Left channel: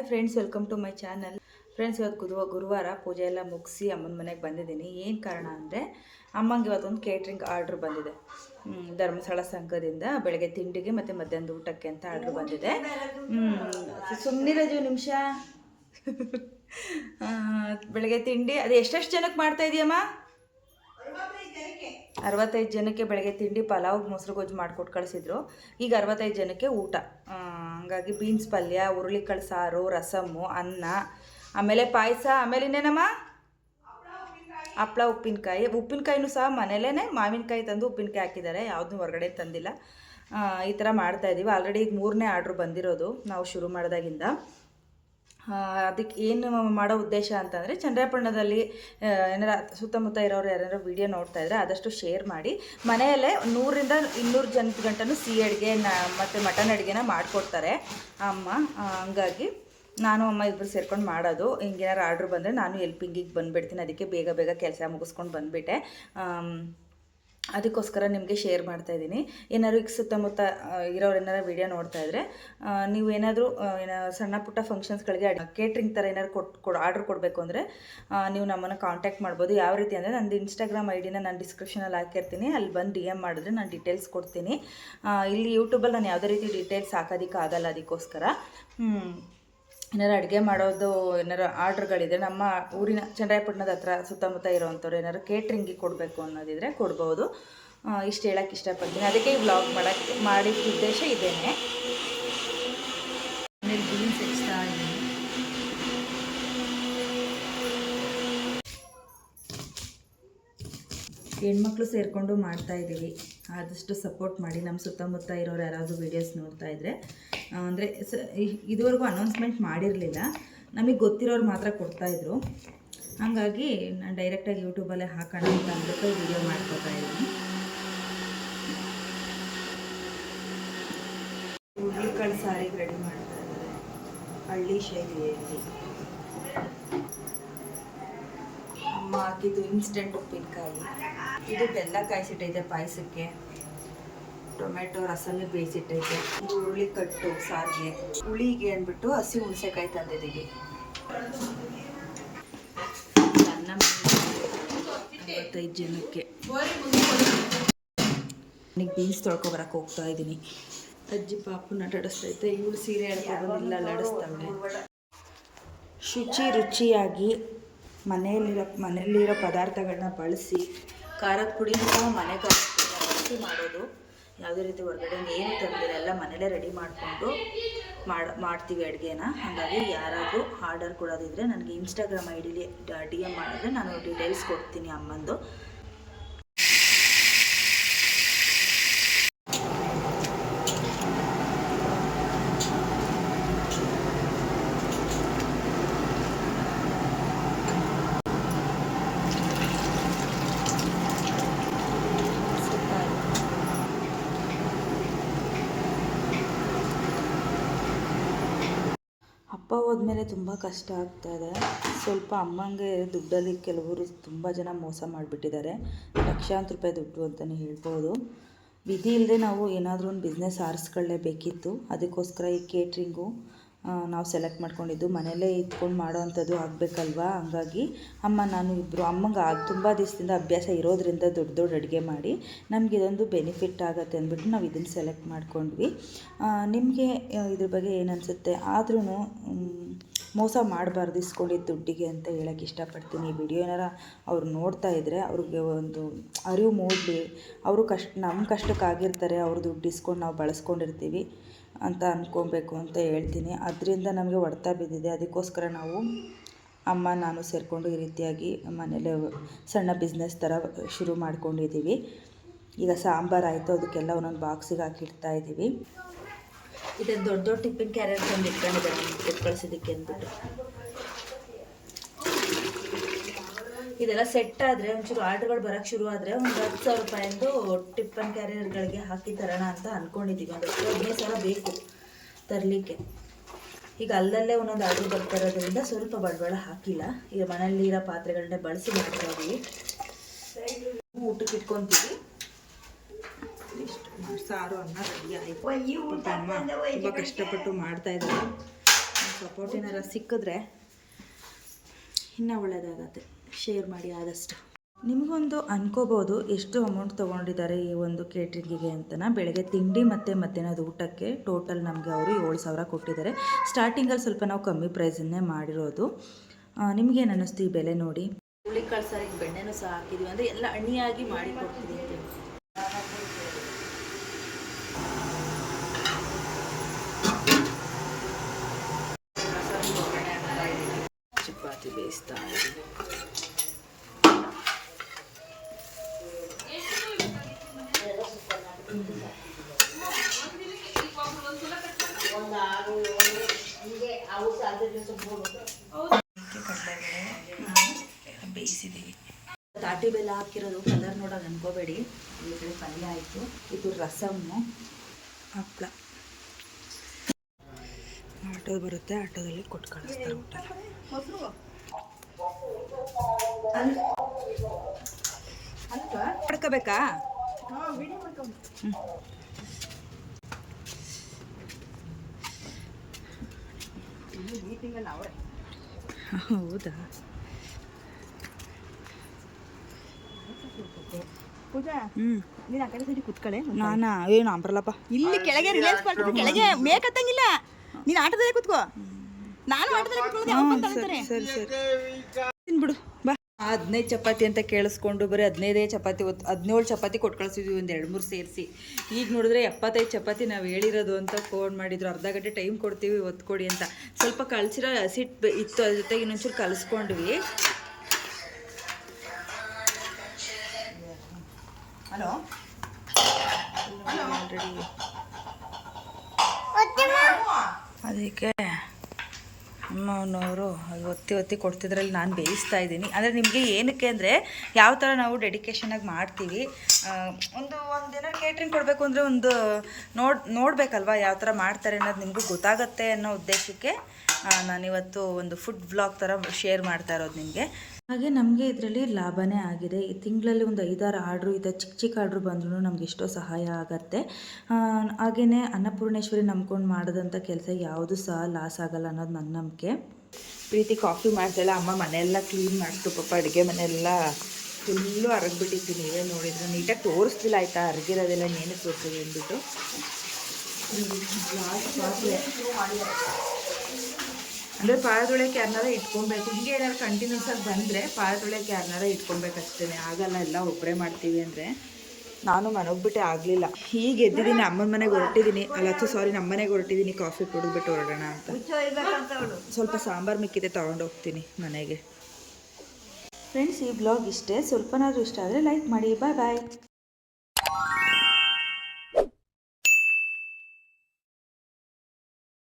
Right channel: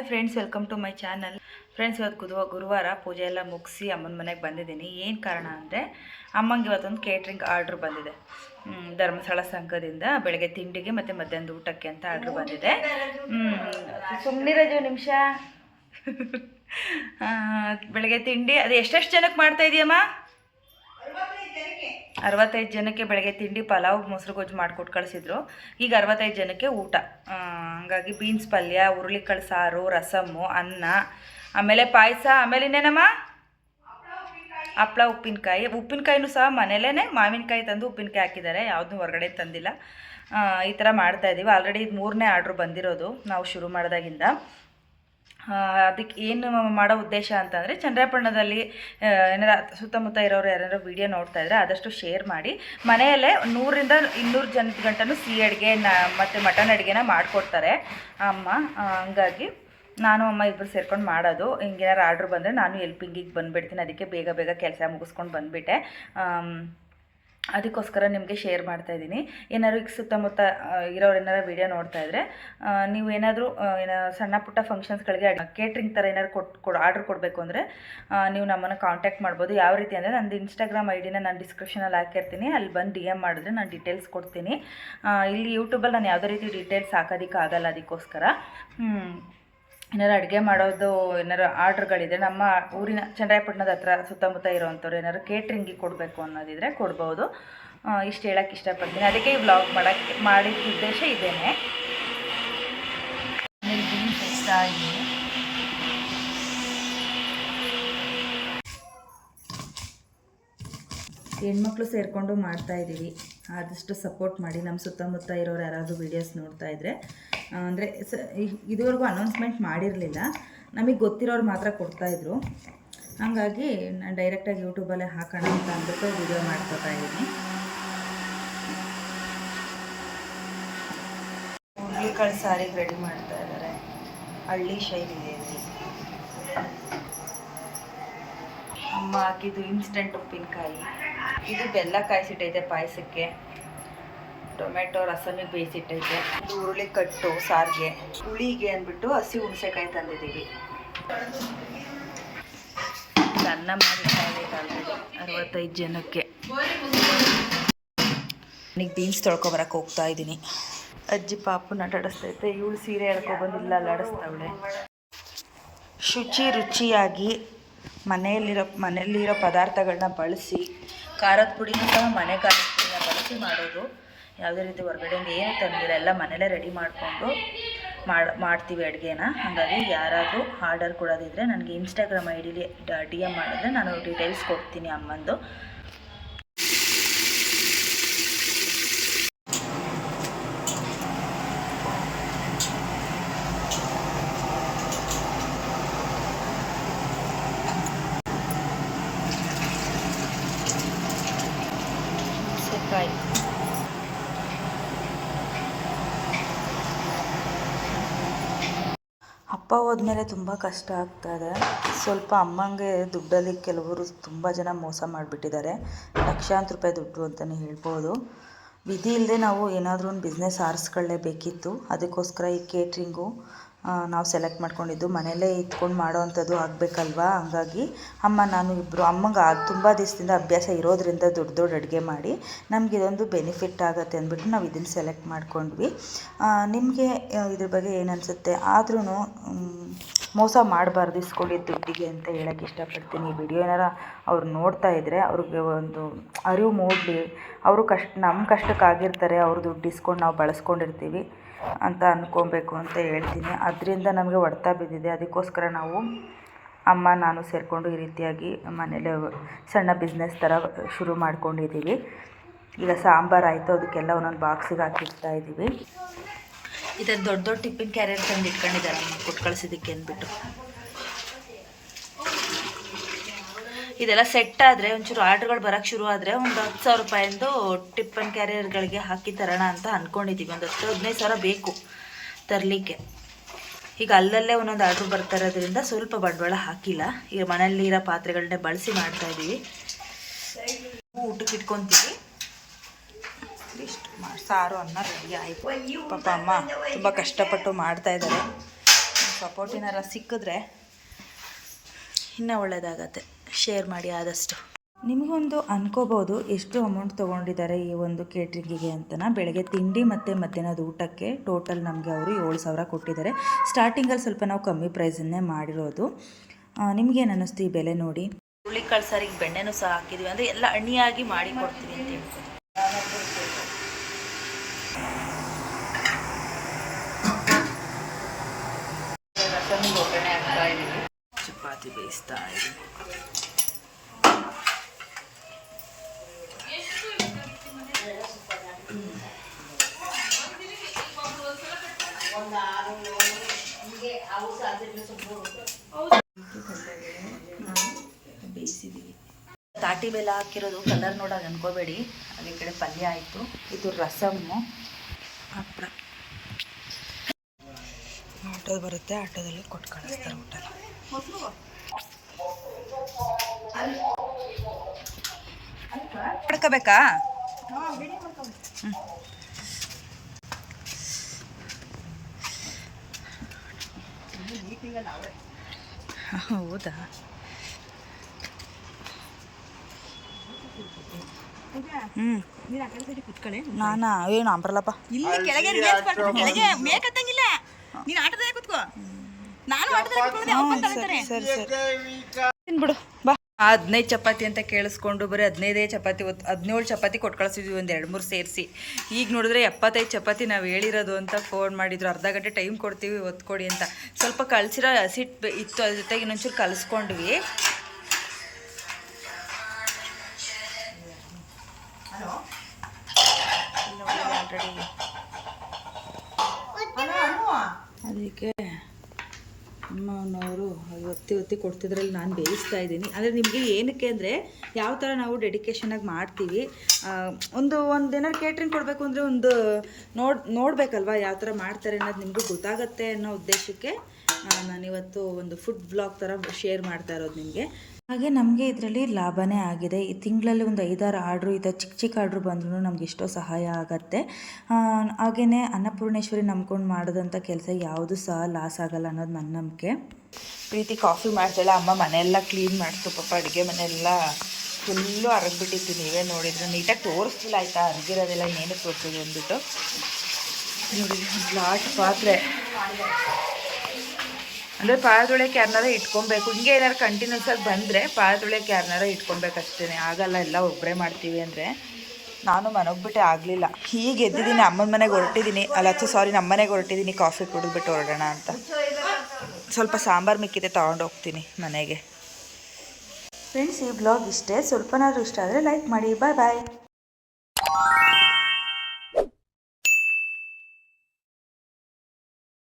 Hi friends, welcome to my channel. Friends, ಇವತ್ತು ಗುರುವಾರ ಪೂಜೆ ಎಲ್ಲ ಮುಗಿಸಿ ಅಮ್ಮನ ಮನೆಗೆ ಬಂದಿದ್ದೀನಿ. ಏನು ಕಾರಣ ಅಂದರೆ ಅಮ್ಮಂಗೆ ಇವತ್ತೊಂದು ಕೇಟ್ರಿಂಗ್ ಆರ್ಡ್ರ್ ಬಂದಿದೆ. ಧರ್ಮಸ್ಥಳ ಸಂಘದಿಂದ ಬೆಳಗ್ಗೆ ತಿಂಡಿಗೆ ಮತ್ತು ಮಧ್ಯಾಹ್ನದ ಊಟಕ್ಕೆ ಅಂತ ಆರ್ಡ್ರ್ ಬಂದಿದೆ. ಸುಮ್ಮನಿರೋದು ನಿಮಿಷ. ಬೆಳಗ್ಗೆ ತಿಂಡಿ ಅದು ಎಷ್ಟೆಷ್ಟು ಜನಕ್ಕೆ ಮಾಡ್ತಾ ಇದೆಯಮ್ಮ? 65 ಜನಕ್ಕೆ ಬೆಳಗ್ಗೆ ತಿಂಡಿ ಪಲಾವ್ ಮೊಸರು ಗೊಜ್ಜು ಮಾಡಿಕೊಟ್ಟು ಕಳಿಸಿದ್ರು. ಈಗ 65 ಜನಕ್ಕೆ ಊಟ. ಹಂಗಾಗಿ ಬೀನ್ಸ್ ಪಲ್ಯ, ಹುರುಳಿಕಾಳು ಸಾರು, ರಸಮ್ಮು, ಅನ್ನ, ಆಮೇಲೆ ಪಾಯಸ, ಆಮೇಲೆ ಇನ್ನೇನಮ್ಮ ಹಪ್ಪಳ, ಉಪ್ಪಿನಕಾಯಿನೂ ಸಹ ಮನೇಲೇ ಮಾವಿನಕಾಯಿ ತಂದು ಉಪ್ಪಿನಕಾಯಿ ಹಾಕಿದ್ದಾರೆ, ಯಾವುದೂ ಹೊರಗಡೆ ತಂದಿಲ್ಲ. ಈ ಥರ ಮಾಡ್ತಾಯಿದ್ದೀವಿ. ಆಲ್ರೆಡಿ ಇದು 3ನೇ ಆರ್ಡ್ರು ಬಂದಿರೋದು ನಾವು ಶುರು ಮಾಡಿದಾಗಿಂದ. ಅದಕ್ಕೆ ಏನು ಮಾಡೋ ಉದ್ದೇಶ ಅಂತಂದರೆ, ಚನ್ನರಾಯಪಟ್ಟಣದಲ್ಲಿ ಏನಾರ ಸುತ್ತಮುತ್ತ ಇರೋರು ಯಾರು ವೀಡಿಯೋ ನೋಡ್ತಾ ಇದ್ದರೆ ಆದಷ್ಟು ಶೇರ್ ಮಾಡಿ. ಮನೆಯಲ್ಲೇ 100ರಿಂದ 200 ಜನದ ಗಂಟನೂ ಸಿಹಿ ಅಡುಗೆ ಮತ್ತು ಮಟನ್ ಅಡುಗೆನ ಮಾಡಿಕೊಡ್ತಾರೆ ಅಮ್ಮ. ಹಂಗಾಗಿ ನಾನು ಅಮ್ಮ ಇಬ್ಬರು ಸೇರ್ಕೊಂಡು ಮಾಡೋದು. ಹಿಂಗೇನಾರು ಆರ್ಡ್ರ್ ಬಂದರೆ ನಾನು ಹೆಲ್ಪಿಂಗಿಗೆ ಬಂದುಬಿಡ್ತೀನಿ. ಅದಕ್ಕೆ ಬೇಗ ಕೆಲಸ ಮುಗಿಸ್ಕೊಂಡು ಬಂದುಬಿಟ್ಟೆ. ಅದಕ್ಕೋಸ್ಕರ ನಿಮಗೆ ಶೇರ್ ಮಾಡ್ತಾಯಿದ್ದೀನಿ. ಏನಾದ್ರು ಈಗ ಸುತ್ತಮುತ್ತ ಇರೋರು ಏನಾರು ವೀಡಿಯೋ ನೋಡ್ತಾ ಇದ್ದರೆ, ನೀವು ಏನಾದರೂ ಸಣ್ಣ ಪುಟ್ಟ ಫಂಕ್ಷನ್ಸ್ಗಳಿಗೆ ಕೇಟ್ರಿಂಗ್ ಥರ ಏನಾದ್ರು ಆರ್ಡ್ರ್ ಕೊಡಬೇಕು ಅಂದರೆ ನೀವು ನಮ್ಮನ್ನು ಕಾಂಟ್ಯಾಕ್ಟ್ ಮಾಡ್ಬೋದು. ಯಾವ ರೀತಿ ಅಂದರೆ, ನಂದು ಇನ್ಸ್ಟಾಗ್ರಾಮ್ ಐಡಿನ ನಾನು ಡಿಸ್ಕ್ರಿಪ್ಷನಲ್ಲಿ ಹಾಕಿರ್ತೀನಿ. ಅಲ್ಲಿ ಬಂದು DM ಮಾಡಿದ್ರೆ ನಾನು ಡೀಟೇಲ್ಸ್ ಕೊಡ್ತೀನಿ. ಇಲ್ಲಿ ಯೂಟ್ಯೂಬಲ್ಲಿ ನಾನು ಯಾವುದೇ ರೀತಿ ಡೀಟೇಲ್ಸ್ ಹಾಕೋದಕ್ಕಾಗಲ್ಲ. ಅದಕ್ಕೋಸ್ಕರ ಏನಾರು ಅಡುಗೆ ಮಾಡೋದು ಏನಾರು ಆರ್ಡ್ರ್ಗಳಿದೆ, ನಮ್ಮ ಊರಿನ ಚನ್ನರಾಯಪಟ್ಟಣದ ಹತ್ರ ಸುತ್ತಮುತ್ತ ಇರೋವಂಥವ್ರು ಏನಾರು ಕೇಟ್ರಿಂಗಿಗೆ ಕೊಡಬೇಕು ಅನ್ನೋದಿದ್ರೆ ಕೊಡ್ಬೋದು. ಇಷ್ಟು ಹೇಳೋಕ್ಕೆ ಇಷ್ಟಪಡ್ತೀನಿ. ಅದಕ್ಕೆ ಈ ವ್ಲಾಗ್ ಮಾಡಿದ ಉದ್ದೇಶ ಇದೇನೆ. ಬೀನ್ಸ್ ಹೆಚ್ಚಾ ಹೆಣ್ಮಕ್ಳು ಸೇರಿಕೊಂಡು ಮಾಡ್ತಾಯಿದ್ದೀವಿ. ಆದಷ್ಟು ಸಪೋರ್ಟ್ ಮಾಡಿ. ನಮ್ಮ ಸುತ್ತಮುತ್ತ ಇರೋರು ಯಾರಾದರೂ ವೀಡಿಯೋಸ್ ನೋಡ್ತಾಯಿದ್ರೆ, ಅಂದರೆ ಇದುವರೆಗೂ ಅನೌನ್ಸ್ಮೆಂಟ್ ಮಾಡಿರಲಿಲ್ಲ, ನಮಗೆ ಗೊತ್ತಿರೋರು ಮಾತ್ರ ಕೊಡ್ತಾಯಿದ್ರು. ಹಾಗಾಗಿ ನಾನು ಡೈರೆಕ್ಟಾಗಿ ಯೂಟ್ಯೂಬಲ್ಲೇ ಹಾಕೋಣ ಅಂತ ಅಂದ್ಬಿಟ್ಟು ವೀಡಿಯೋ ಮಾಡ್ಕೊತಾ ಇದ್ದೀನಿ. ಹುರುಳಿಕಾಳು ಸಾರಿಗೆ ರೆಡಿ ಮಾಡ್ತಾ ಇದ್ದಾರೆ ಹಳ್ಳಿ ಶೈಲಿಯಲ್ಲಿ. ಅಮ್ಮ ಹಾಕಿದ್ದು ಇನ್ಸ್ಟೆಂಟ್ ಉಪ್ಪಿನಕಾಯಿ. ಇದು ಬೆಲ್ಲ ಕಾಯಿಸಿಟ್ಟೈತೆ ಪಾಯಸಕ್ಕೆ. ಟೊಮೆಟೊ ರಸಮಿಗೆ ಬೇಯಿಸಿಟ್ಟೈತೆ. ಇದು ಹುರುಳಿ ಕಟ್ಟು ಸಾರಿಗೆ. ಹುಳಿಗೆ ಅಂದ್ಬಿಟ್ಟು ಹಸಿ ಹುಣಸೆಕಾಯಿ ತಂದಿದ್ದೀವಿ. ಅನ್ನ ಮಾಡಿ 65 ಜನಕ್ಕೆ. ನನಗೆ ಬೀನ್ಸ್ ತೊಳ್ಕೊಬರಕ್ಕೆ ಹೋಗ್ತಾ ಇದ್ದೀನಿ. ಅಜ್ಜಿ ಪಾಪು ನಟಾಡಿಸ್ತೈತೆ. ಇವಳು ಸೀರೆ ಎಳ್ಕೊಬಂದಿಲ್ಲ, ಅಲ್ಲಾಡಿಸ್ತಾವಳೆ. ರುಚಿಯಾಗಿ ಮನೆಯಲ್ಲಿರೋ ಪದಾರ್ಥಗಳನ್ನ ಬಳಸಿ, ಖಾರದ ಪುಡಿನೂ ಸಹ ಮನೆ ಖಾರದ ಪುಡಿನ ಬಳಸಿ ಮಾಡೋದು. ಯಾವುದೇ ರೀತಿ ಹೊರಗಡೆಯಿಂದ ಏನು ತಂದಿಲ್ಲ, ಎಲ್ಲ ಮನೇಲೇ ರೆಡಿ ಮಾಡಿಕೊಂಡು ಮಾಡ್ತೀವಿ ಅಡುಗೆನ. ಹಾಗಾಗಿ ಯಾರಾದರೂ ಆರ್ಡರ್ ಕೊಡೋದಿದ್ದರೆ ನನಗೆ ಇನ್ಸ್ಟಾಗ್ರಾಮ್ ಐಡಿಲಿ DM ಮಾಡಿದ್ರೆ ನಾನು ಡೀಟೇಲ್ಸ್ ಕೊಡ್ತೀನಿ ಅಮ್ಮಂದು. ಅಪ್ಪ ಹೋದ್ಮೇಲೆ ತುಂಬ ಕಷ್ಟ ಆಗ್ತಾಯಿದೆ. ಸ್ವಲ್ಪ ಅಮ್ಮಂಗೆ ದುಡ್ಡಲ್ಲಿ ಕೆಲವರು ತುಂಬ ಜನ ಮೋಸ ಮಾಡಿಬಿಟ್ಟಿದ್ದಾರೆ. ಲಕ್ಷಾಂತರ ರೂಪಾಯಿ ದುಡ್ಡು ಅಂತಲೇ ಹೇಳ್ಬೋದು. ವಿಧಿ ಇಲ್ಲದೆ ನಾವು ಏನಾದರೂ ಒಂದು ಬಿಸ್ನೆಸ್ ಆರಿಸ್ಕೊಳ್ಳೇಬೇಕಿತ್ತು. ಅದಕ್ಕೋಸ್ಕರ ಈ ಕೇಟ್ರಿಂಗು ನಾವು ಸೆಲೆಕ್ಟ್ ಮಾಡ್ಕೊಂಡಿದ್ದು. ಮನೆಯಲ್ಲೇ ಇದ್ಕೊಂಡು ಮಾಡೋ ಅಂಥದ್ದು ಆಗಬೇಕಲ್ವಾ. ಹಂಗಾಗಿ ನಾನು ಇಬ್ಬರು ಅಮ್ಮಂಗೆ ತುಂಬ ದಿವಸದಿಂದ ಅಭ್ಯಾಸ ಇರೋದ್ರಿಂದ ದೊಡ್ಡ ಅಡುಗೆ ಮಾಡಿ ನಮಗೆ ಇದೊಂದು ಬೆನಿಫಿಟ್ ಆಗುತ್ತೆ ಅಂದ್ಬಿಟ್ಟು ನಾವು ಇದನ್ನು ಸೆಲೆಕ್ಟ್ ಮಾಡ್ಕೊಂಡ್ವಿ. ನಿಮಗೆ ಇದ್ರ ಬಗ್ಗೆ ಏನು ಅನಿಸುತ್ತೆ? ಆದ್ರೂ ಮೋಸ ಮಾಡಬಾರ್ದು ಇಸ್ಕೊಂಡಿದ್ದ ದುಡ್ಡಿಗೆ ಅಂತ ಹೇಳೋಕ್ಕೆ ಇಷ್ಟಪಡ್ತೀನಿ. ಈ ವಿಡಿಯೋ ಏನಾರ ಅವ್ರು ನೋಡ್ತಾ ಇದ್ದರೆ ಅವ್ರಿಗೆ ಒಂದು ಅರಿವು ಮೂಡಲಿ. ಅವರು ನಮ್ಮ ಕಷ್ಟಕ್ಕಾಗಿರ್ತಾರೆ, ಅವ್ರು ದುಡ್ಡು ಇಸ್ಕೊಂಡು ನಾವು ಬಳಸ್ಕೊಂಡಿರ್ತೀವಿ ಅಂತ ಅಂದ್ಕೊಬೇಕು ಅಂತ ಹೇಳ್ತೀನಿ. ಅದರಿಂದ ನಮಗೆ ಹೊಡೆತ ಬಿದ್ದಿದೆ. ಅದಕ್ಕೋಸ್ಕರ ನಾವು ನಾನು ಸೇರಿಕೊಂಡು ಈ ರೀತಿಯಾಗಿ ಮನೇಲಿ ಸಣ್ಣ ಬಿಸ್ನೆಸ್ ಥರ ಶುರು ಮಾಡ್ಕೊಂಡಿದ್ದೀವಿ. ಈಗ ಸಾಂಬಾರು ಆಯಿತು, ಅದಕ್ಕೆಲ್ಲ ಒಂದೊಂದು ಬಾಕ್ಸಿಗೆ ಹಾಕಿಡ್ತಾ ಇದ್ದೀವಿ. ಇದನ್ನು ದೊಡ್ಡ ಟಿಫಿನ್ ಕ್ಯಾರಿಯರ್ ತಂದು ಇಟ್ಕೊಂಡಿದ್ದಾರೆ ಕೊಟ್ಟು ಕಳಿಸಿದ್ದಕ್ಕೆ ಅಂದ್ಬಿಟ್ಟು. ಇದೆಲ್ಲ ಸೆಟ್ ಆದರೆ ಒಂಚೂರು ಆರ್ಡ್ರ್ಗಳು ಬರೋಕ್ಕೆ ಶುರು ಆದರೆ ಒಂದು 10,000 ರೂಪಾಯಿಂದು ಟಿಫನ್ ಕ್ಯಾರಿಯರ್ಗಳಿಗೆ ಹಾಕಿ ತರೋಣ ಅಂತ ಅಂದ್ಕೊಂಡಿದ್ದೀವಿ. ಒಂದು 15,000 ಬೇಕು ತರಲಿಕ್ಕೆ. ಈಗ ಅಲ್ಲಲ್ಲೇ ಒಂದೊಂದು ಆರ್ಡ್ರ್ ಬರ್ತಾ ಇರೋದ್ರಿಂದ ಸ್ವಲ್ಪ ಬಂಡವಾಳ ಹಾಕಿಲ್ಲ. ಈಗ ಮನೆಯಲ್ಲಿರೋ ಪಾತ್ರೆಗಳನ್ನೇ ಬಳಸಿ ಮಾಡ್ತಾಯಿದ್ದೀವಿ. ಊಟಕ್ಕೆ ಇಟ್ಕೊತೀವಿ. ಇಷ್ಟು ಸಾರು ಅನ್ನ ರೆಡಿ ಆಯಿತು. ಪಾಪ ಅಮ್ಮ ತುಂಬ ಕಷ್ಟಪಟ್ಟು ಮಾಡ್ತಾಯಿದ್ದಾರೆ. ಸಪೋರ್ಟ್ ಏನಾರ ಸಿಕ್ಕಿದ್ರೆ ಇನ್ನೂ ಒಳ್ಳೆಯದಾಗತ್ತೆ. ಶೇರ್ ಮಾಡಿ ಆದಷ್ಟು. ನಿಮಗೊಂದು ಅನ್ಕೋಬೋದು ಎಷ್ಟು ಅಮೌಂಟ್ ತೊಗೊಂಡಿದ್ದಾರೆ ಈ ಒಂದು ಕೇಟ್ರಿಂಗಿಗೆ ಅಂತನ. ಬೆಳಗ್ಗೆ ತಿಂಡಿ ಮತ್ತು ಮಧ್ಯಾಹ್ನದ ಊಟಕ್ಕೆ ಟೋಟಲ್ ನಮಗೆ ಅವರು 7,000 ಕೊಟ್ಟಿದ್ದಾರೆ. ಸ್ಟಾರ್ಟಿಂಗಲ್ಲಿ ಸ್ವಲ್ಪ ನಾವು ಕಮ್ಮಿ ಪ್ರೈಸನ್ನೇ ಮಾಡಿರೋದು. ನಿಮಗೇನು ಅನ್ನಿಸ್ತು ಈ ಬೆಲೆ ನೋಡಿ? ಹುರುಳಿಕಾಳು ಸಾರಿಗೆ ಬೆಣ್ಣೆನೂ ಸಹ ಹಾಕಿದ್ವಿ, ಅಂದರೆ ಎಲ್ಲ ಅಣಿಯಾಗಿ ಮಾಡಿ ಕೊಡ್ತೀವಿ ಅಂತ ಹೇಳ್ಬೋದು. ಚಪಾತಿ ಬೇಯಿಸ್ತಾ ಇದ್ದೀವಿ. ಕಡಲೆಬೇಳೆ ಬೇಯಿಸಿದ್ದೀವಿ. ತಾಟಿ ಬೆಲ್ಲ ಹಾಕಿರೋದು ಕಲರ್ ನೋಡೋದು ಅನ್ಕೋಬೇಡಿ. ಈ ಕಡೆ ಪಲ್ಯ ಆಯಿತು. ಇದು ರಸಮ್ಮು, ಹಪ್ಪಳ. ಆಟೋದು ಬರುತ್ತೆ, ಆಟೋದಲ್ಲಿ ಕೊಟ್ಟು ಕಳಿಸ್ತಾರೆ ಊಟ. ಮಾಡ್ಕೋಬೇಕಾ? ಹೌದಾ? ನಾನಾ ಏನು ಅಂಬರಲ್ಲಪ್ಪ. ಇಲ್ಲಿ ಕೆಳಗೆ ರಿಲಯನ್ಸ್ ಪಾರ್ಕ್ ಕೆಳಗೆ ಮೇಕತ್ತಂಗಿಲ್ಲ. ನೀನು ಆಟೋದಲ್ಲೇ ಕೂತ್ಕೋ, ನಾನು ಆಟೋದಲ್ಲೇ ಕೂತ್ಕೊಳ್ಳೋದು. ಸರಿ ಸರಿ ತಿನ್ಬಿಡು ಬಾ. 15 ಚಪಾತಿ ಅಂತ ಕೇಳಿಸ್ಕೊಂಡು ಬರೀ 15 ಚಪಾತಿ 17 ಚಪಾತಿ ಕೊಟ್ಟು ಕಳಿಸಿದ್ವಿ, ಒಂದು 2-3 ಸೇರಿಸಿ. ಈಗ ನೋಡಿದ್ರೆ 75 ಚಪಾತಿ ನಾವು ಹೇಳಿರೋದು ಅಂತ ಫೋನ್ ಮಾಡಿದ್ರು. ಅರ್ಧ ಗಂಟೆ ಟೈಮ್ ಕೊಡ್ತೀವಿ, ಒತ್ತು ಕೊಡಿ ಅಂತ. ಸ್ವಲ್ಪ ಕಳಿಸಿರೋ ಹಸಿಟ್ಟು ಇತ್ತು, ಅದ್ರ ಜೊತೆಗೆ ಇನ್ನೊಂಚೂರು ಕಲಿಸ್ಕೊಂಡ್ವಿ. ಆಲ್ರೆಡಿ ಅದಕ್ಕೆ ಅಮ್ಮನವರು ಅದು ಒತ್ತಿ ಕೊಡ್ತಿದ್ರಲ್ಲಿ ನಾನು ಬೇಯಿಸ್ತಾ ಇದ್ದೀನಿ. ಅಂದರೆ ನಿಮಗೆ ಏನಕ್ಕೆ ಅಂದರೆ ಯಾವ ಥರ ನಾವು ಡೆಡಿಕೇಶನಾಗಿ ಮಾಡ್ತೀವಿ. ಒಂದು ಏನಾದ್ರು ಕೇಟ್ರಿಂಗ್ ಕೊಡಬೇಕು ಅಂದರೆ ಒಂದು ನೋಡಬೇಕಲ್ವ ಯಾವ ಥರ ಮಾಡ್ತಾರೆ ಅನ್ನೋದು ನಿಮಗೂ ಗೊತ್ತಾಗತ್ತೆ ಅನ್ನೋ ಉದ್ದೇಶಕ್ಕೆ ನಾನಿವತ್ತು ಒಂದು ಫುಡ್ ವ್ಲಾಗ್ ಥರ ಶೇರ್ ಮಾಡ್ತಾ ಇರೋದು ನಿಮಗೆ. ಹಾಗೆ ನಮಗೆ ಇದರಲ್ಲಿ ಲಾಭನೇ ಆಗಿದೆ. ಈ ತಿಂಗಳಲ್ಲಿ ಒಂದು 5-6 ಆರ್ಡ್ರು ಈ ಥರ ಚಿಕ್ಕ ಆರ್ಡ್ರು ಬಂದ್ರೂ ನಮ್ಗೆ ಎಷ್ಟೋ ಸಹಾಯ ಆಗತ್ತೆ. ಹಾಗೆಯೇ ಅನ್ನಪೂರ್ಣೇಶ್ವರಿ ನಂಬ್ಕೊಂಡು ಮಾಡೋದಂಥ ಕೆಲಸ ಯಾವುದೂ ಸಹ ಲಾಸ್ ಆಗಲ್ಲ ಅನ್ನೋದು ನನ್ನ ನಂಬಿಕೆ. ಪ್ರೀತಿ ಕಾಫಿ ಮಾಡ್ತಾಯಿಲ್ಲ. ಅಮ್ಮ ಮನೆಯೆಲ್ಲ ಕ್ಲೀನ್ ಮಾಡಿಸ್ತು. ಪಾಪ ಅಡುಗೆ ಮನೆಯೆಲ್ಲ ಫುಲ್ಲು ಅರಗಿಬಿಟ್ಟಿತ್ತು. ನೀವೇ ನೋಡಿದ್ರೆ ನೀಟಾಗಿ ತೋರಿಸ್ತಿಲ್ಲ ಆಯಿತಾ, ಅರಗಿರೋದೆಲ್ಲ ಇನ್ನೇನು ತೋರಿಸೋದು ಅಂದ್ಬಿಟ್ಟು. ನೋಡಿ ಲಾಟ್ ಪಾತ್ರೆ ಅಂದರೆ ಪಾತ್ರೆದೊಳಕ್ಕೆ ಯಾರನ್ನಾರ ಇಟ್ಕೊಬೇಕು. ಹಿಂಗೆ ಏನಾರು ಕಂಟಿನ್ಯೂಸ್ ಆಗಿ ಬಂದರೆ ಪಾತ್ರೆದೊಳಕ್ಕೆ ಯಾರನ್ನಾರ ಇಟ್ಕೊಬೇಕಷ್ಟೇ. ಆಗಲ್ಲ, ಎಲ್ಲ ಒಬ್ಬರೇ ಮಾಡ್ತೀವಿ ಅಂದರೆ. ನಾನು ಮನೋಗ್ಬಿಟ್ಟೆ ಆಗಲಿಲ್ಲ. ಹೀಗೆ ಎದ್ದಿದ್ದೀನಿ, ಅಮ್ಮನ ಮನೆಗೆ ಹೊರಟಿದ್ದೀನಿ. ನಮ್ಮ ಮನೆಗೆ ಹೊರಟಿದ್ದೀನಿ ಕಾಫಿ ಕುಡಿದ್ಬಿಟ್ಟು ಹೊರಡೋಣ ಅಂತ. ಸ್ವಲ್ಪ ಸಾಂಬಾರು ಮಿಕ್ಕಿದೆ, ತೊಗೊಂಡೋಗ್ತೀನಿ ಮನೆಗೆ. ಫ್ರೆಂಡ್ಸ್, ಈ ಬ್ಲಾಗ್ ಇಷ್ಟೇ. ಸ್ವಲ್ಪನಾದರೂ ಇಷ್ಟ ಆದರೆ ಲೈಕ್ ಮಾಡಿ. ಬಾಯ್ ಬಾಯ್.